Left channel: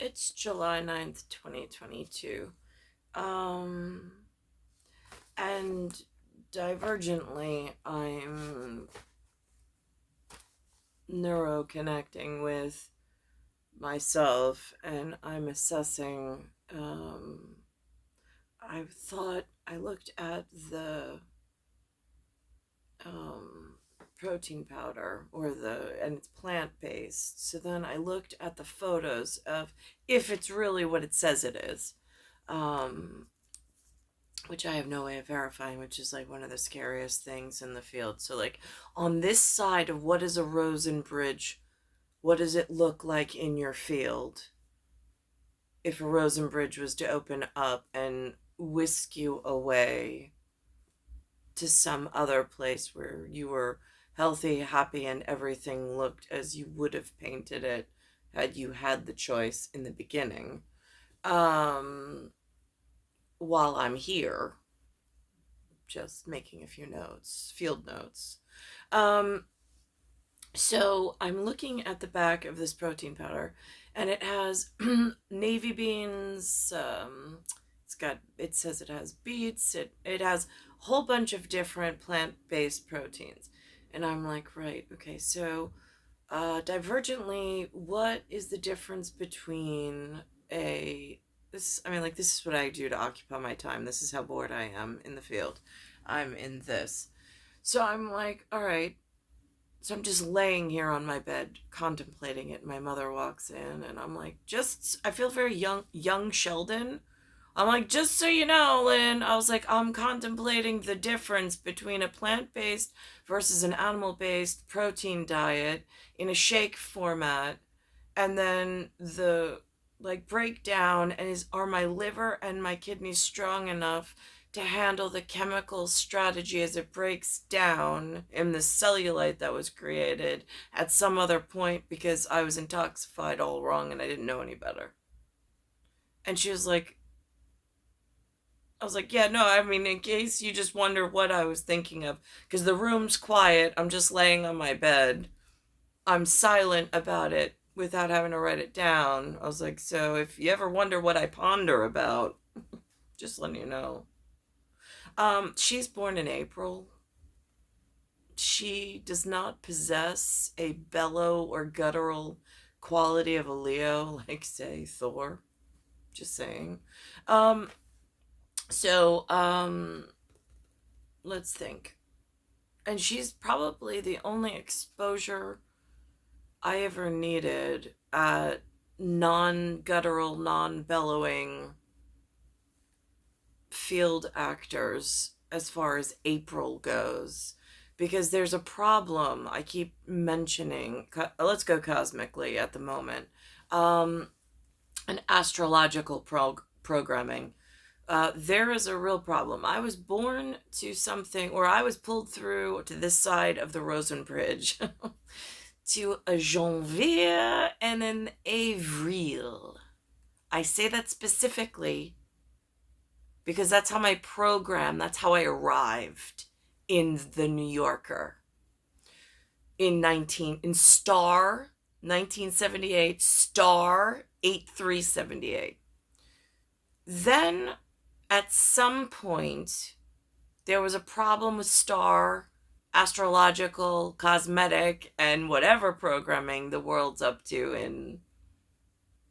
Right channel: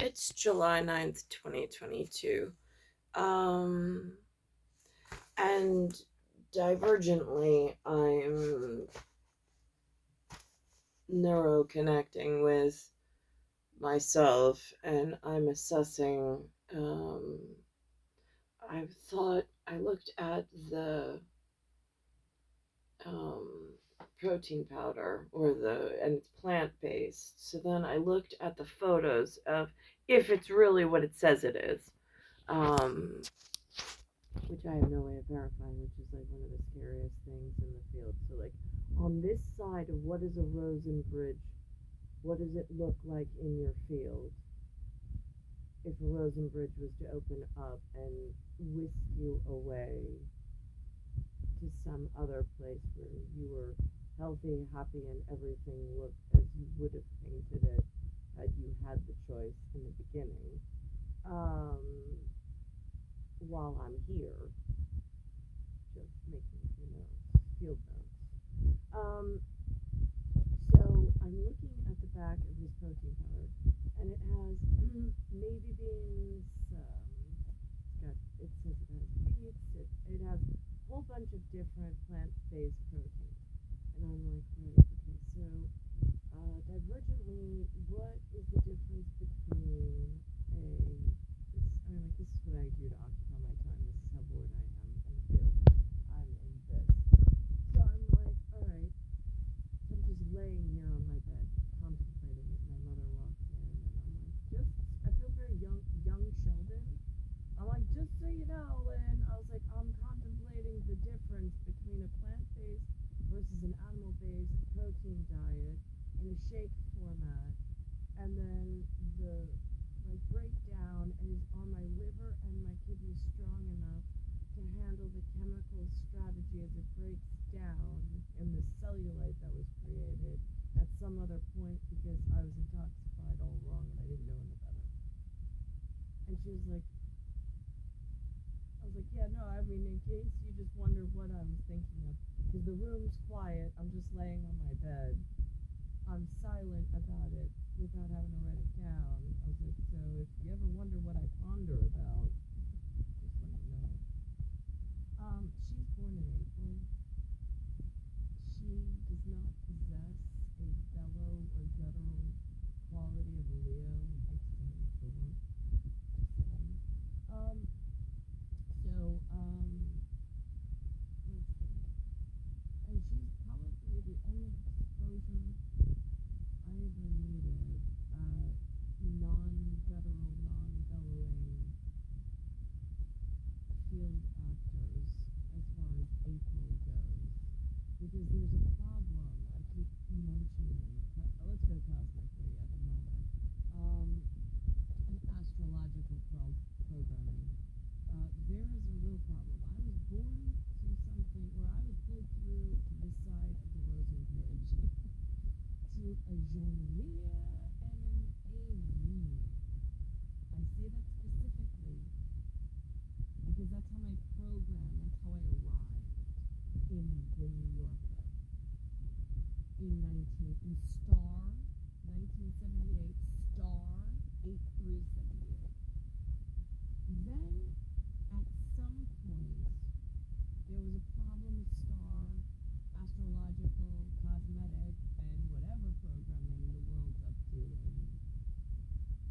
It's July 9th, 2022. Um, and divergently, I'm neuroconnecting with myself and I'm assessing. I looked at the um, protein powder and it's plant based. So then I looked at the photos of if it's really what it says it is, um, which I have no way of verifying, which is like one of the scariest things in the field. So, like, on this side of what is a rosin bridge, what does it look like in your field if a rosin bridge was to open up and whisk you away to some other place where you were healthy, happy, and everything looked as you would have painted it had you had the choice in the beginning. Um, while I'm here, just making a few notes, field notes. Um, so I'm looking at the back of this protein powder, and it has navy beans. It says it has beets. It has a whole bunch of different plant-based proteins, and I'm like, right, okay. So, divergently, what is the difference between a this? I mean, like, this is what I do to occupy my time. This is how bored I am in the field. I'm in this. So I'm like, all right. So I'm just laying here on my bed contemplating it. My mother walks in and I'm like, I feel very young Sheldon. I'm like, just so you know, Lynn, I was like, I'm contemplating the difference between a plant based versus an animal based protein diet in a shake format. And then the breakdown and are my liver and my kidneys strong enough to handle the chemical strategy as it breaks down in the cellulite that was created at some other point because I was intoxicated all wrong and I didn't know any better. And she was like, I was like, yeah, no, I mean, in case you just wonder what I was thinking of, because the room's quiet, I'm just laying on my bed. I'm silent about it without having to write it down. I was like, so if you ever wonder what I ponder about, just letting you know. She's born in April. She does not possess a bellow or guttural quality of a Leo, like, say, Thor. Just saying. Um, so, let's think. And she's probably the only exposure I ever needed at non guttural, non bellowing field actors as far as April goes. Because there's a problem I keep mentioning. Let's go cosmically at the moment. Um, an astrological programming. There is a real problem. I was born to something, or I was pulled through to this side of the Rosen Bridge to a janvier and an avril. I say that specifically because that's how that's how I arrived in the New Yorker in star 1978, star 8378. Then at some point there was a problem with star astrological, cosmetic, and whatever programming the world's up to in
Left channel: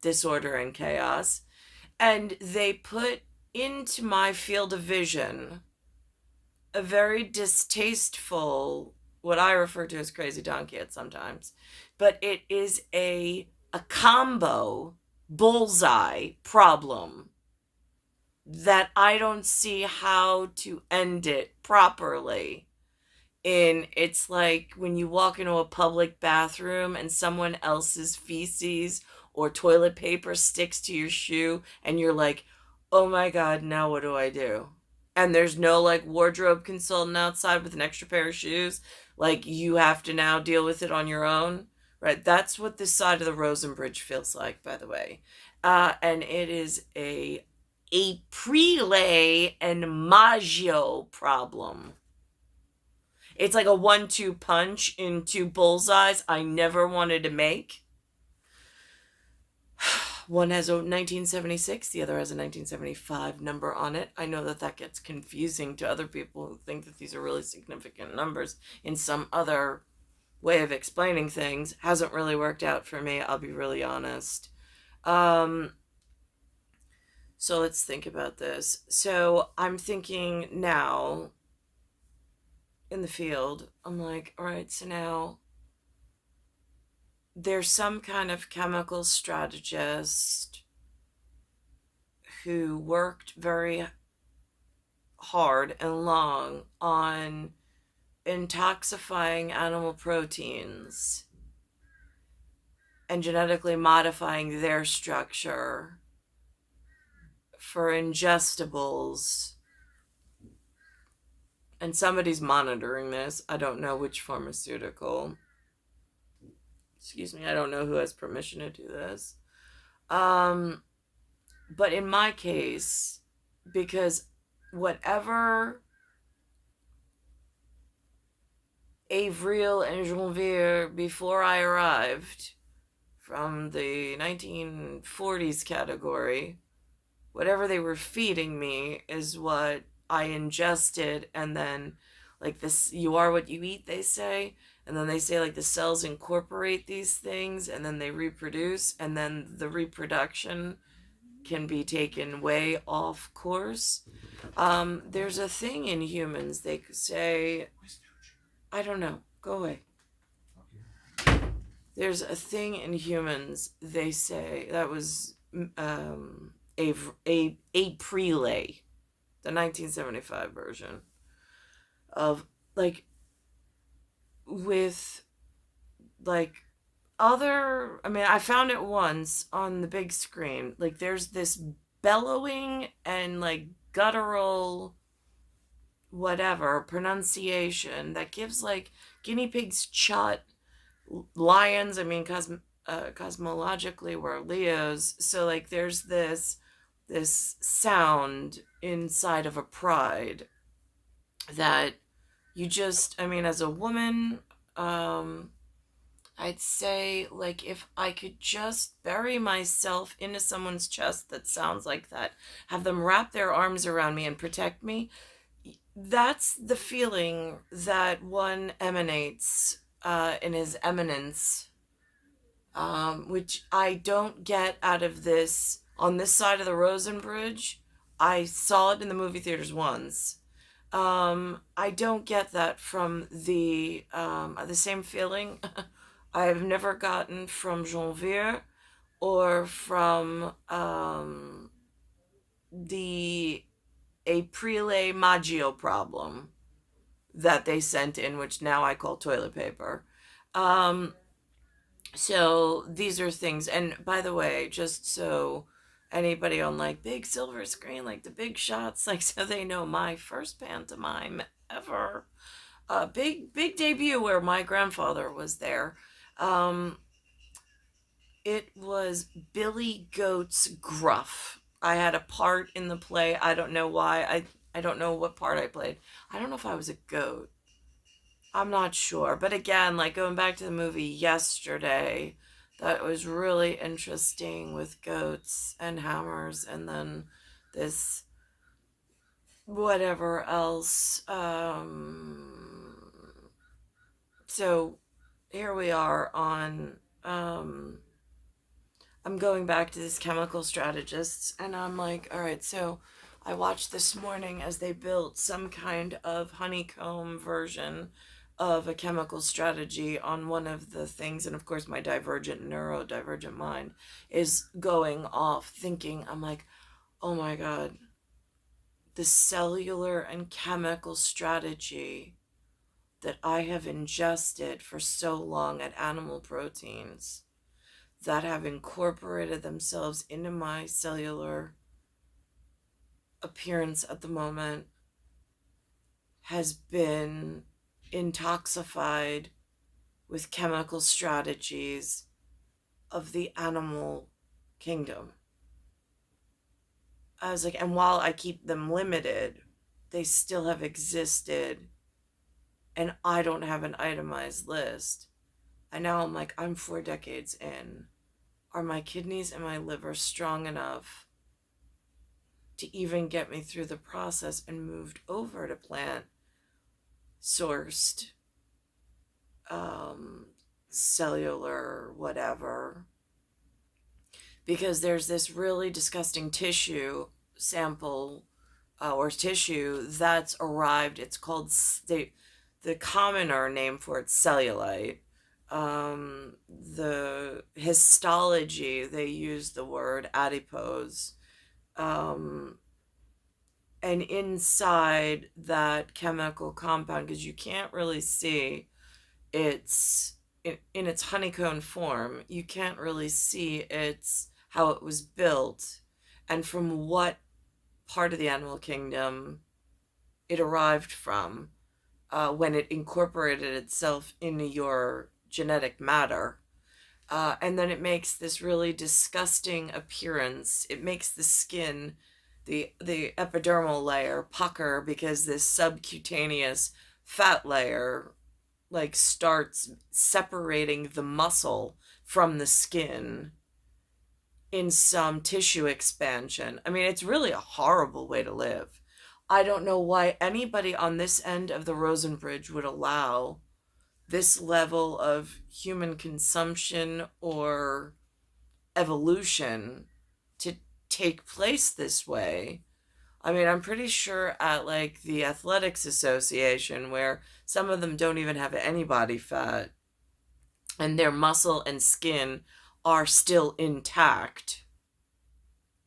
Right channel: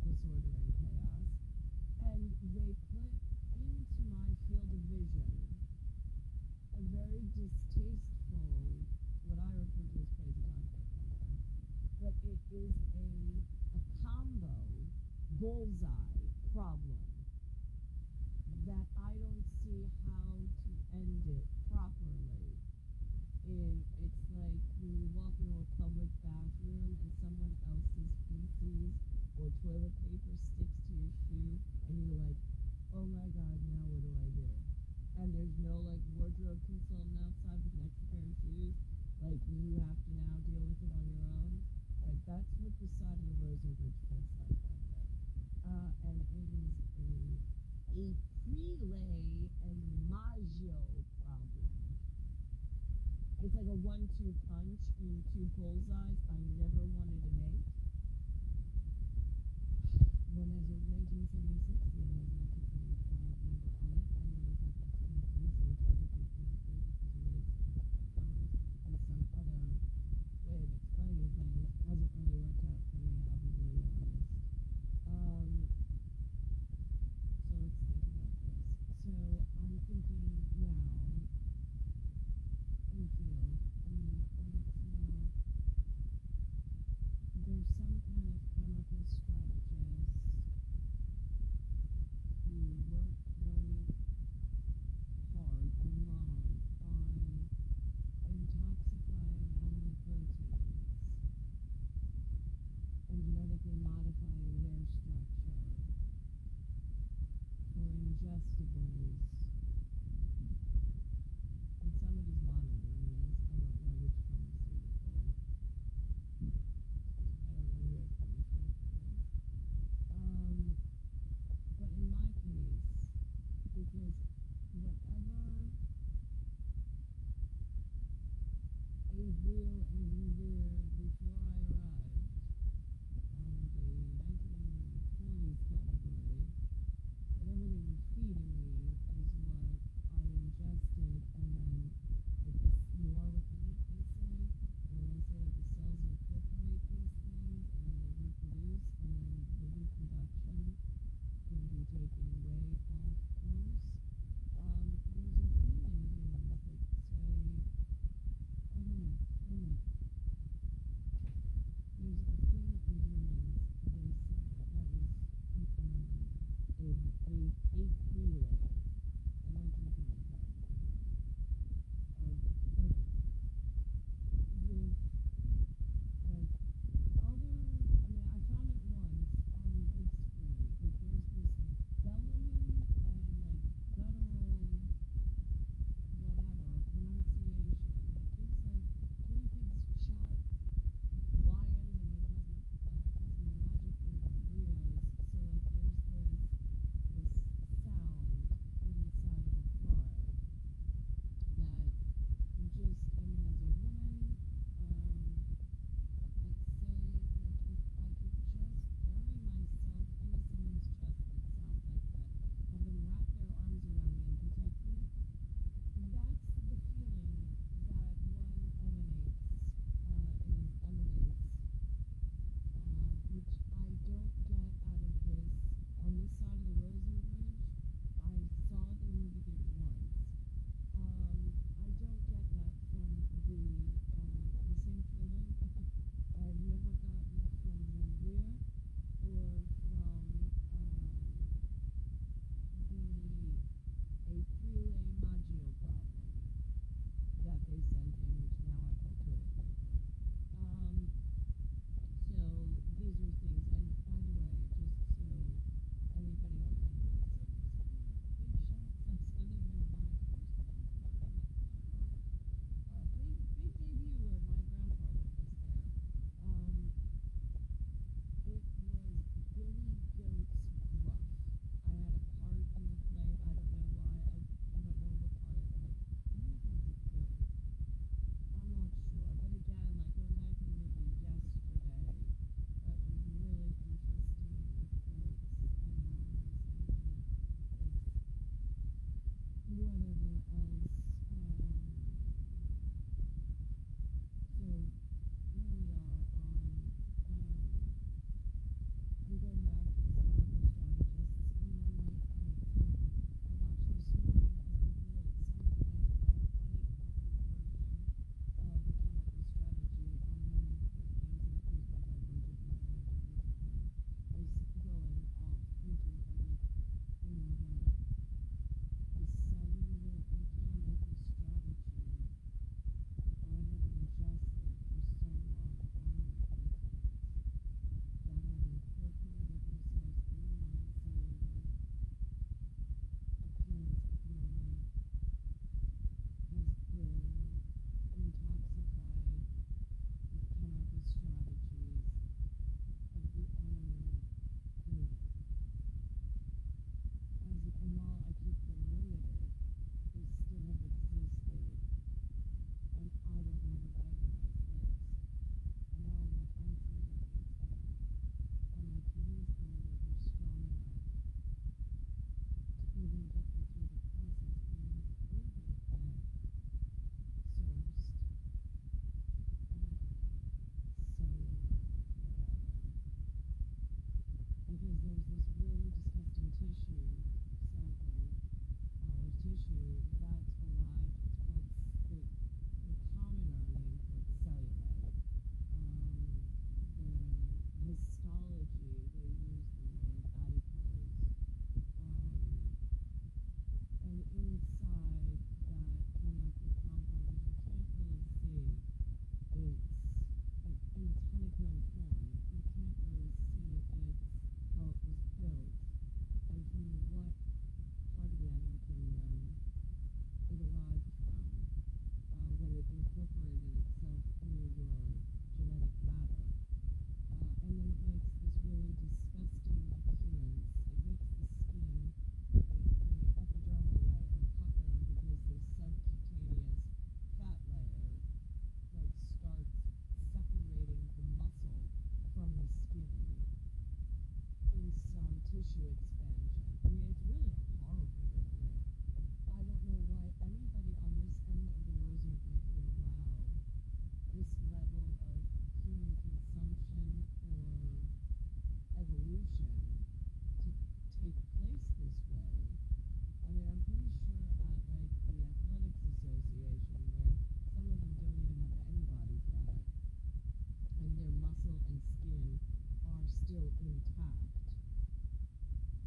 disorder and chaos. And they put into my field of vision a very distasteful, what I refer to as crazy donkey at sometimes, but it is a combo bullseye problem that I don't see how to end it properly. It's like when you walk into a public bathroom and someone else's feces or toilet paper sticks to your shoe and you're like, oh my god, now what do I do? And there's no like wardrobe consultant outside with an extra pair of shoes. Like, you have to now deal with it on your own. Right? That's what this side of the Rosen Bridge feels like, by the way. And it is a Aprile and Maggio problem. It's like a 1-2 punch in two bullseyes I never wanted to make. One has a 1976, the other has a 1975 number on it. I know that that gets confusing to other people who think that these are really significant numbers in some other way of explaining things. Hasn't really worked out for me, I'll be really honest. Um, so let's think about this. So I'm thinking now in the field, I'm like, all right, so now there's some kind of chemical strategist who worked very hard and long on intoxifying animal proteins and genetically modifying their structure for ingestibles. And somebody's monitoring this. I don't know which pharmaceutical. Excuse me, I don't know who has permission to do this. But in my case, because whatever Avril and Janvier before I arrived from the 1940s category, whatever they were feeding me is what I ingested, and then like this, you are what you eat, they say, and then they say like the cells incorporate these things and then they reproduce, and then the reproduction can be taken way off course. There's a thing in humans, they say, I don't know, go away. There's a thing in humans, they say, that was a prelay, the 1975 version of like with like other, I mean, I found it once on the big screen, like there's this bellowing and like guttural whatever pronunciation that gives like guinea pigs chut, lions, I mean, cosmologically we're Leos, so like there's this sound inside of a pride that you just, I mean, as a woman, I'd say like if I could just bury myself into someone's chest that sounds like that, have them wrap their arms around me and protect me, that's the feeling that one emanates in his eminence, which I don't get out of this on this side of the Rosen Bridge. I saw it in the movie theaters once. I don't get that from the same feeling I've never gotten from Janvier or from the Aprile Maggio problem that they sent in, which now I call toilet paper. Um, so these are things, and by the way, just so anybody on like big silver screen, like the big shots, like so they know, my first pantomime ever, big debut where my grandfather was there. Um, it was Billy Goat's Gruff. I had a part in the play. I don't know why. I don't know what part I played. I don't know if I was a goat. I'm not sure. But again, like going back to the movie yesterday, that was really interesting with goats and hammers, and then this whatever else. So here we are on. I'm going back to this chemical strategists, and I'm like, all right, so I watched this morning as they built some kind of honeycomb version of a chemical strategy on one of the things, and of course my divergent neurodivergent mind is going off thinking, I'm like, oh my god, the cellular and chemical strategy that I have ingested for so long at animal proteins that have incorporated themselves into my cellular appearance at the moment has been intoxified with chemical strategies of the animal kingdom. I was like, and while I keep them limited, they still have existed, and I don't have an itemized list. And now I'm like, I'm 4 decades in. are my kidneys and my liver strong enough to even get me through the process and moved over to plant sourced cellular whatever, because there's this really disgusting tissue sample or tissue that's arrived. It's called the commoner name for it, cellulite. um, the histology, they use the word adipose. um, and inside that chemical compound, because you can't really see its in its honeycomb form, you can't really see its how it was built and from what part of the animal kingdom it arrived from, when it incorporated itself into your genetic matter. And then it makes this really disgusting appearance. It makes the skin, the epidermal layer, pucker because this subcutaneous fat layer like starts separating the muscle from the skin in some tissue expansion. I mean, it's really a horrible way to live. I don't know why anybody on this end of the Rosen Bridge would allow this level of human consumption or evolution to take place this way. I mean, I'm pretty sure at like the Athletics Association, where some of them don't even have any body fat and their muscle and skin are still intact,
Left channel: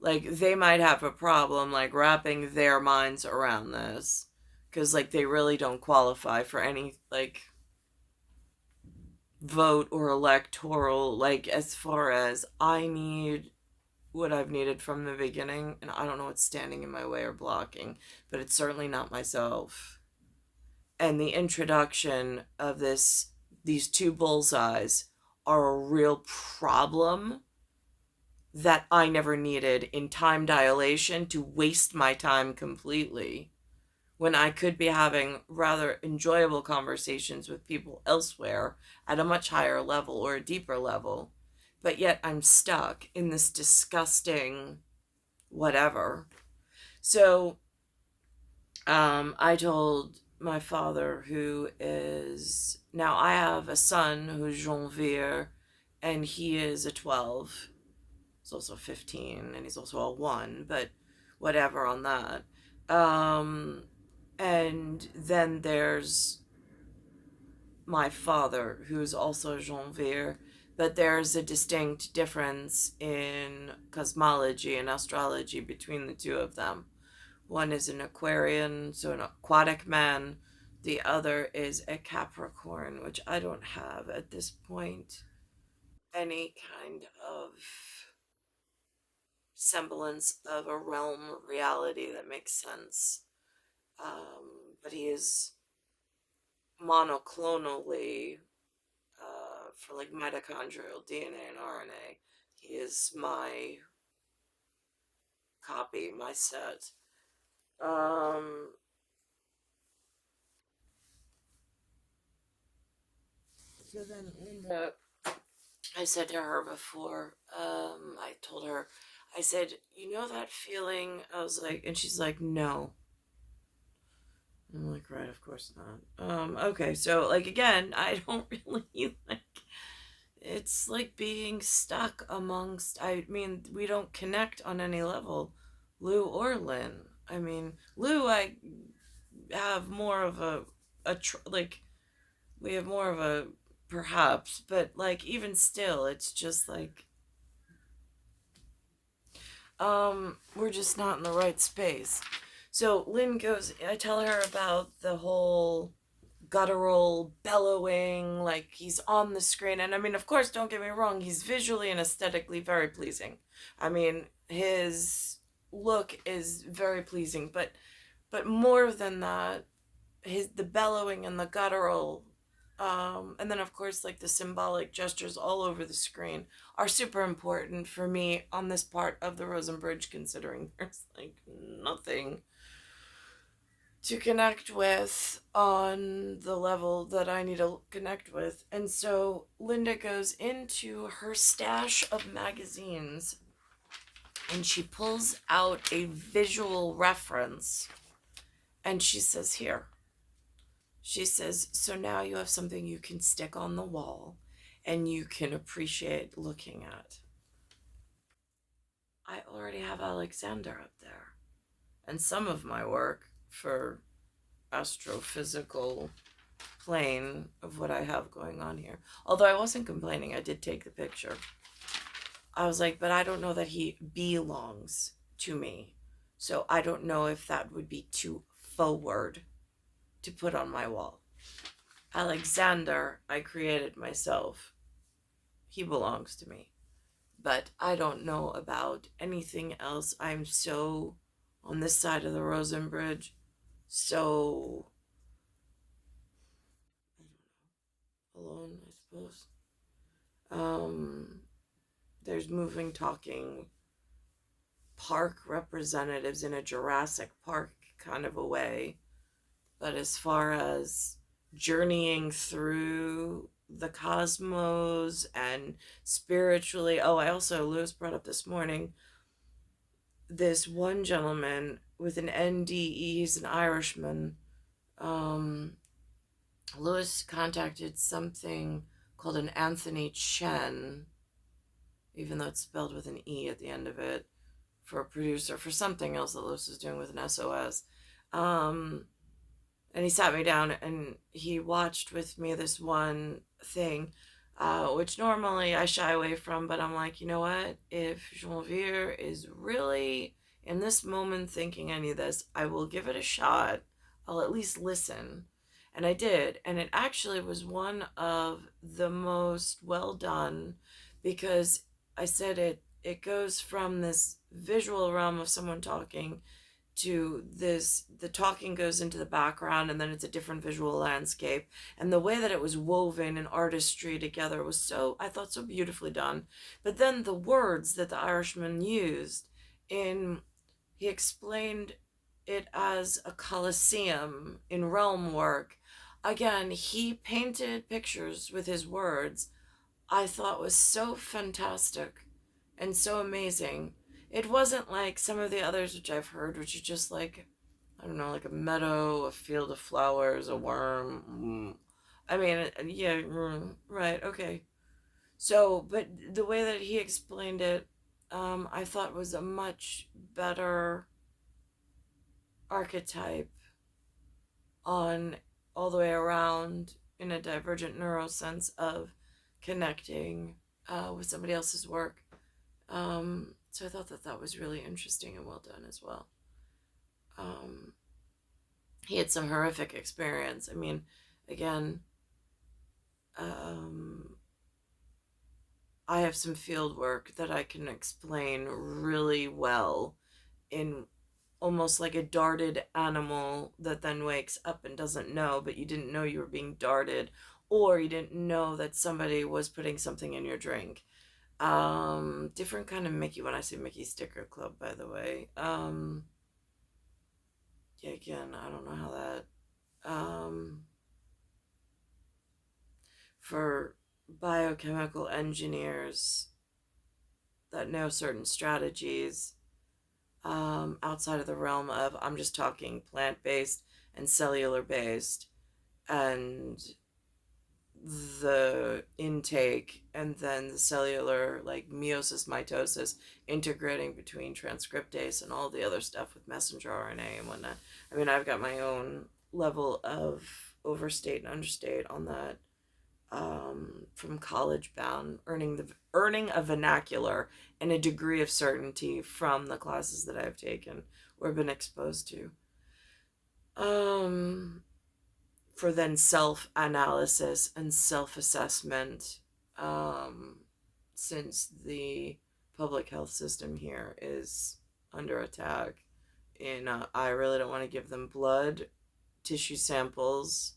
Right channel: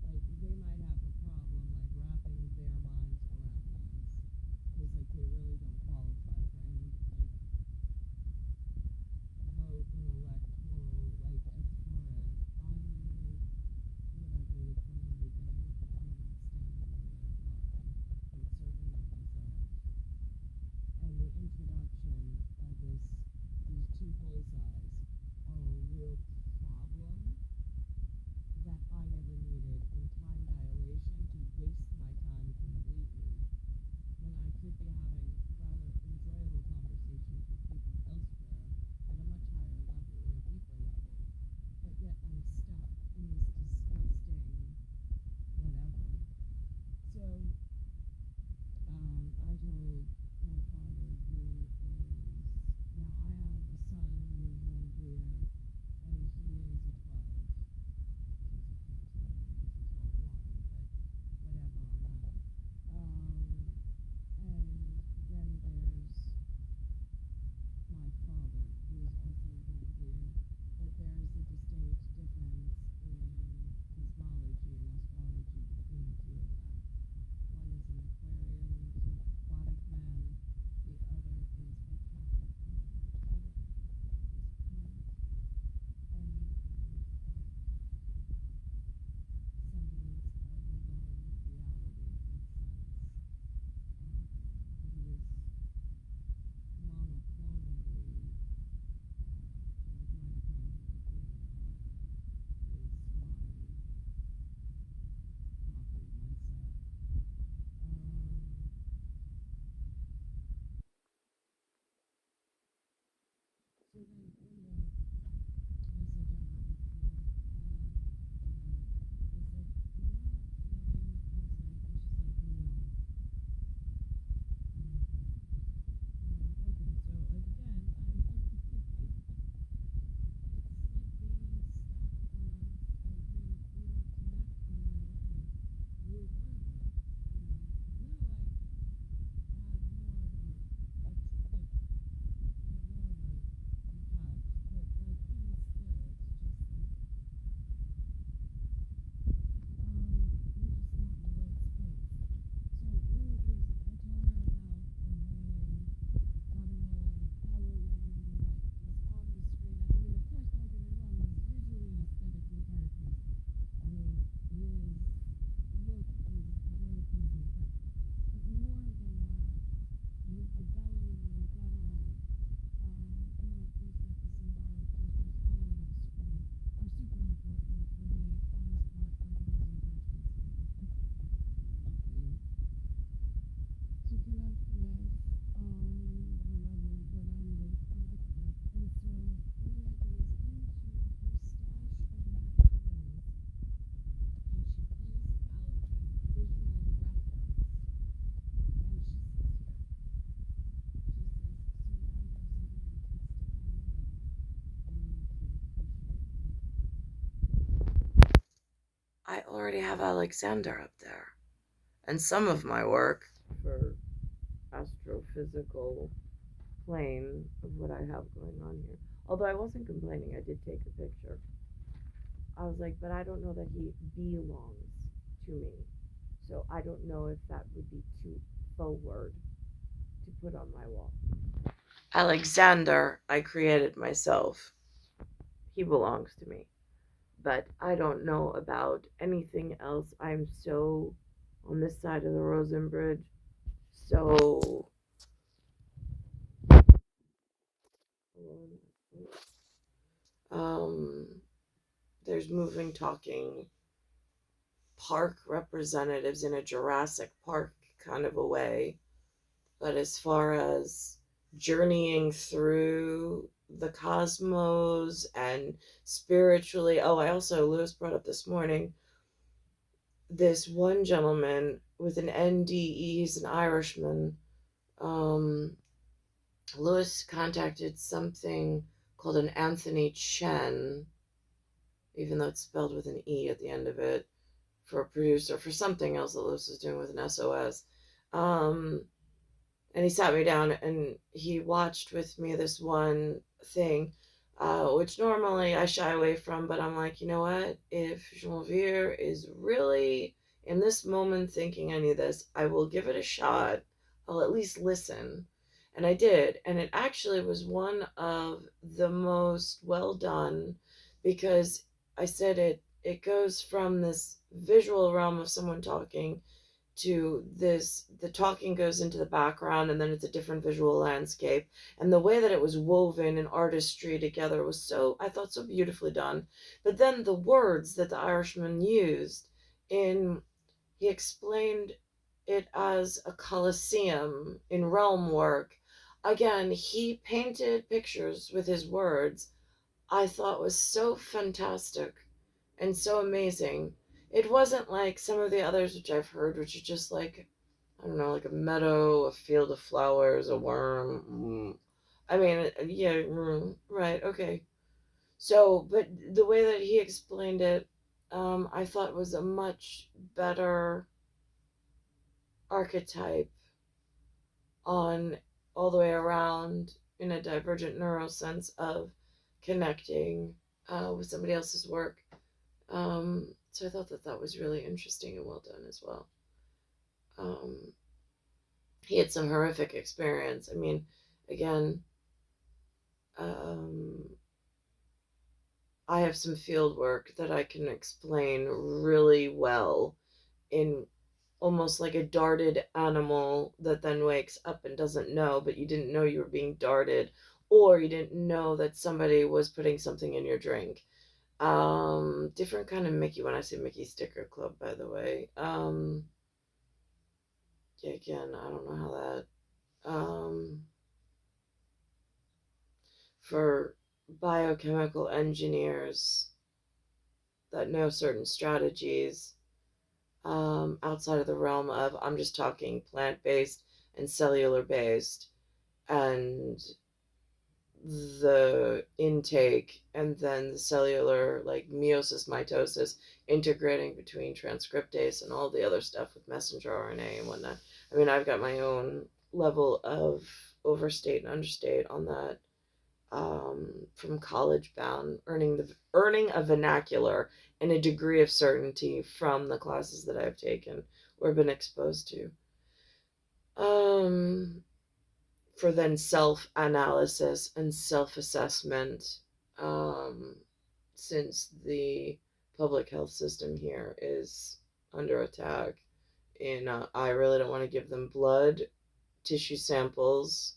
like they might have a problem like wrapping their minds around this, because like they really don't qualify for any like vote or electoral, like as far as I need what I've needed from the beginning, and I don't know what's standing in my way or blocking, but it's certainly not myself. And the introduction of these two bullseyes are a real problem that I never needed in time dilation to waste my time completely when I could be having rather enjoyable conversations with people elsewhere at a much higher level or a deeper level. But yet I'm stuck in this disgusting whatever. So I told my father, who is now, I have a son who's Janvier, and he is a 12. He's also 15, and he's also a 1, but whatever on that. And then there's my father, who's also Janvier, but there's a distinct difference in cosmology and astrology between the two of them. One is an Aquarian, so an aquatic man. The other is a Capricorn, which I don't have at this point any kind of semblance of a realm reality that makes sense. But he is monoclonally, for like mitochondrial DNA and RNA. He is my copy, my set. Um, so then Linda, I said to her before, I told her, I said, you know that feeling? I was like, and she's like, no. I'm like, right, of course not. Okay, so like again, I don't really like, it's like being stuck amongst, I mean, we don't connect on any level, Lou or Lynn. I mean, Lou, I have more of like, we have more of a perhaps, but like even still, it's just like, we're just not in the right space. So Lynn goes, I tell her about the whole guttural bellowing, like he's on the screen. And I mean, of course, don't get me wrong, he's visually and aesthetically very pleasing. I mean, his look is very pleasing, but more than that, the bellowing and the guttural, and then of course like the symbolic gestures all over the screen are super important for me on this part of the Rosen Bridge, considering there's like nothing to connect with on the level that I need to connect with. And so Linda goes into her stash of magazines and she pulls out a visual reference and she says, Here. She says, So now you have something you can stick on the wall and you can appreciate looking at. I already have Alexander up there. And some of my work for astrophysical plane of what I have going on here. Although I wasn't complaining, I did take the picture. I was like, but I don't know that he belongs to me. So I don't know if that would be too forward to put on my wall. Alexander, I created myself. He belongs to me. But I don't know about anything else. I'm so on this side of the Rosen Bridge, so alone, I suppose. There's moving, talking park representatives in a Jurassic Park kind of a way. But as far as journeying through the cosmos and spiritually, I also, Lewis brought up this morning, this one gentleman with an NDE, he's an Irishman. Lewis contacted something called an Anthony Chen, even though it's spelled with an E at the end of it, for a producer, for something else that Lewis is doing with an SOS. And he sat me down and he watched with me this one thing, which normally I shy away from, but I'm like, you know what? If Jean-Vier is really in this moment thinking I need this, I will give it a shot. I'll at least listen. And I did. And it actually was one of the most well done because I said it goes from this visual realm of someone talking to this, the talking goes into the background and then it's a different visual landscape, and the way that it was woven in artistry together was so, I thought, so beautifully done. But then the words that the Irishman used in, he explained it as a coliseum in realm work. Again, he painted pictures with his words. I thought was so fantastic and so amazing. It wasn't like some of the others which I've heard, which are just like, I don't know, like a meadow, a field of flowers, a worm. I mean, yeah, right, okay. So, but the way that he explained it, I thought was a much better archetype on all the way around in a divergent neural sense of connecting with somebody else's work. So I thought that that was really interesting and well done as well. Um, he had some horrific experience. I mean, again, um, I have some field work that I can explain really well in almost like a darted animal that then wakes up and doesn't know, but you didn't know you were being darted, or you didn't know that somebody was putting something in your drink. Different kind of Mickey when I say Mickey Sticker Club, by the way. Yeah, again, I don't know how that, for biochemical engineers that know certain strategies, outside of the realm of, I'm just talking plant-based and cellular-based, and the intake and then the cellular, like meiosis, mitosis, integrating between transcriptase and all the other stuff with messenger RNA and whatnot. I mean, I've got my own level of overstate and understate on that, from college bound, earning a vernacular and a degree of certainty from the classes that I've taken or been exposed to. Um, for then self-analysis and self-assessment, um, since the public health system here is under attack. I really don't want to give them blood tissue samples,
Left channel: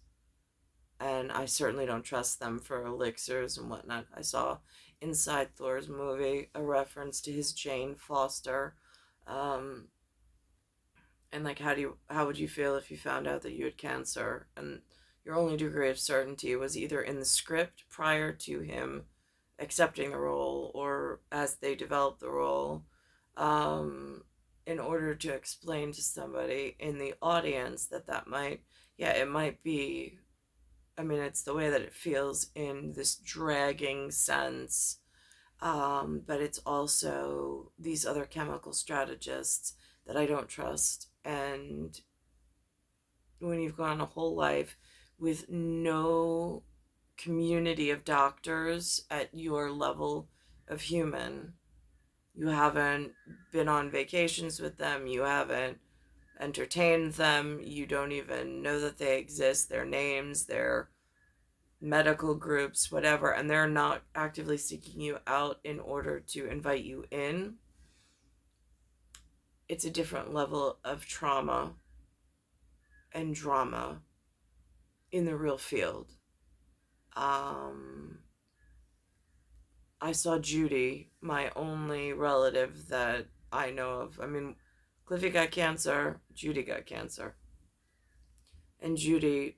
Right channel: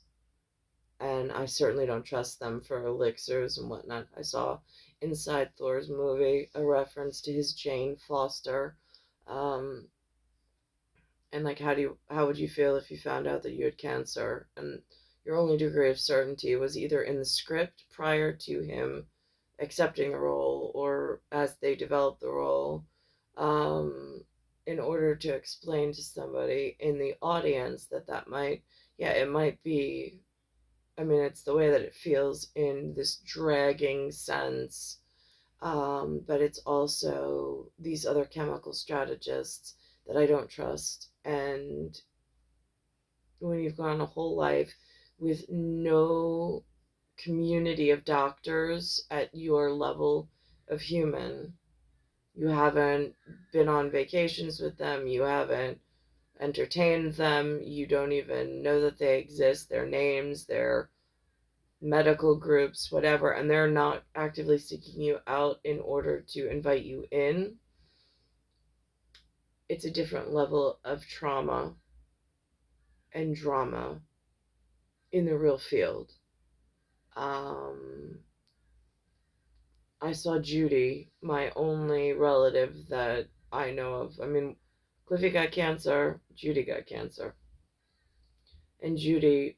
and I certainly don't trust them for elixirs and whatnot. I saw inside Thor's movie a reference to his Jane Foster, um, And like, how would you feel if you found out that you had cancer and your only degree of certainty was either in the script prior to him accepting the role or as they developed the role, um, in order to explain to somebody in the audience that might, yeah, it might be, I mean, it's the way that it feels in this dragging sense, but it's also these other chemical strategists that I don't trust. And when you've gone a whole life with no community of doctors at your level of human, you haven't been on vacations with them, you haven't entertained them, you don't even know that they exist, their names, their medical groups, whatever, and they're not actively seeking you out in order to invite you in. It's a different level of trauma and drama in the real field. Um, I saw Judy, my only relative that I know of. I mean, Cliffy got cancer, Judy got cancer. And Judy,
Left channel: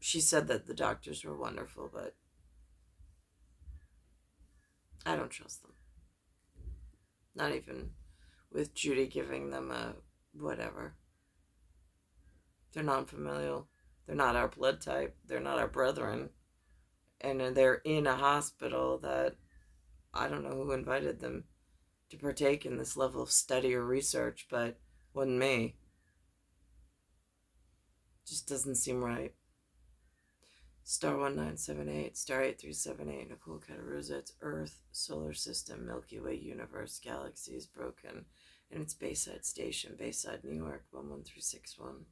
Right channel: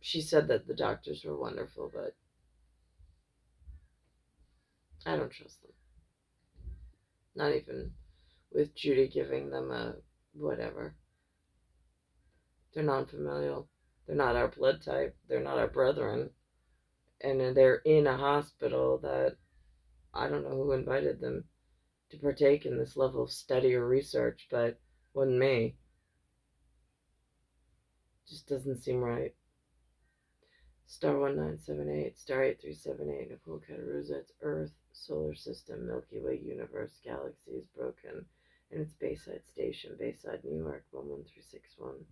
she said that the doctors were wonderful, but I don't trust them. Not even with Judy giving them a whatever. They're non familial. They're not our blood type. They're not our brethren. And they're in a hospital that I don't know who invited them to partake in this level of study or research, but wasn't me. Just doesn't seem right. Star 1978, Star 8378, Nicole, Cattaruzza, it's Earth, Solar System, Milky Way, Universe, Galaxies, Broken, and its Bayside Station, Bayside, New York, 11361.